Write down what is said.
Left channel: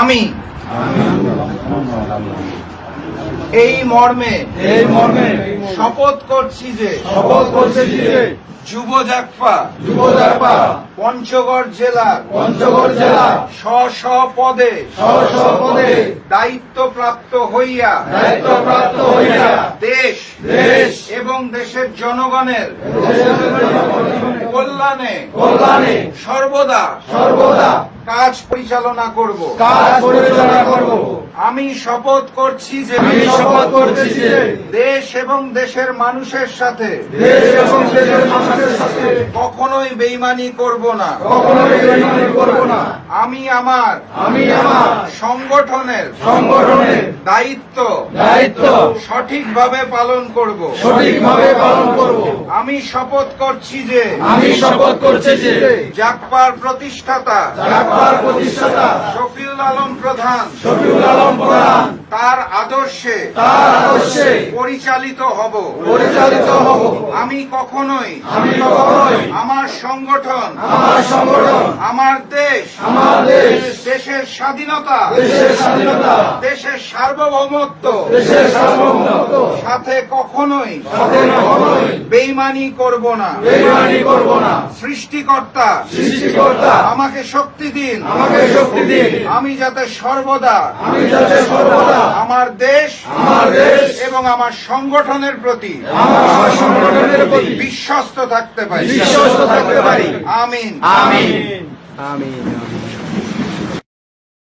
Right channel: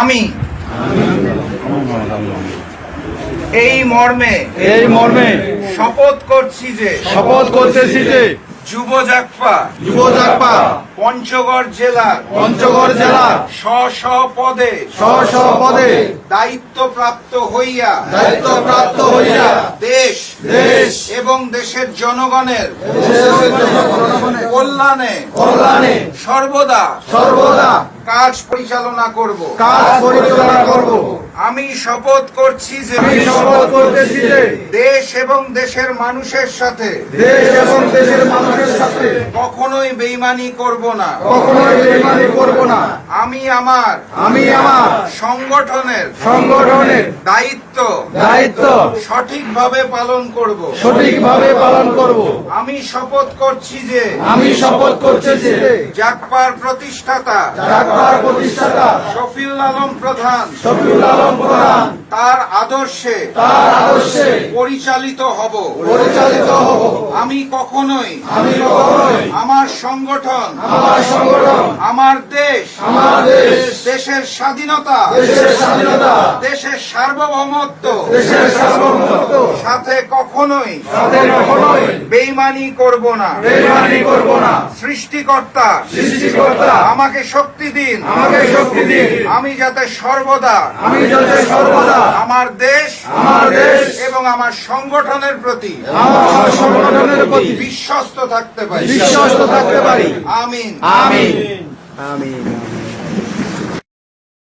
আমি এই মর্মে শপথ করছি যে যুব জাগপা পঞ্চগড় জেলা স্ব পদে দায়িত্বপ্রাপ্ত হইয়া দেশ এবং দেশের জনগণের কল্যাণে সর্বদা কাজ পরিচালনা করব। আমি শপথ করছি যে দেশ এবং দেশের মানুষের সাথে কখনোই বেইমানি করব না। আমি আমার সংগঠনের দায়িত্ব সঠিকভাবে পালন করব। আমি শপথ করছি যে জাগপার প্রতিষ্ঠাতা শফিউল আলম প্রধান তার আদর্শে পরিচালিত হব। আমি কখনোই আমার সংগঠন আমার দেশ দেশের স্বাধীনতা দেশের সার্বভৌমত্ব সাথে কখনোই বেইমানি করব না। সৃষ্টিকর্তা আমাকে শক্তি দিন আমি যাতে সর্বদা আমার দেশ এবং আমার সংগঠনের প্রতি বিশ্বস্ত থাকতে পারি। আমিন।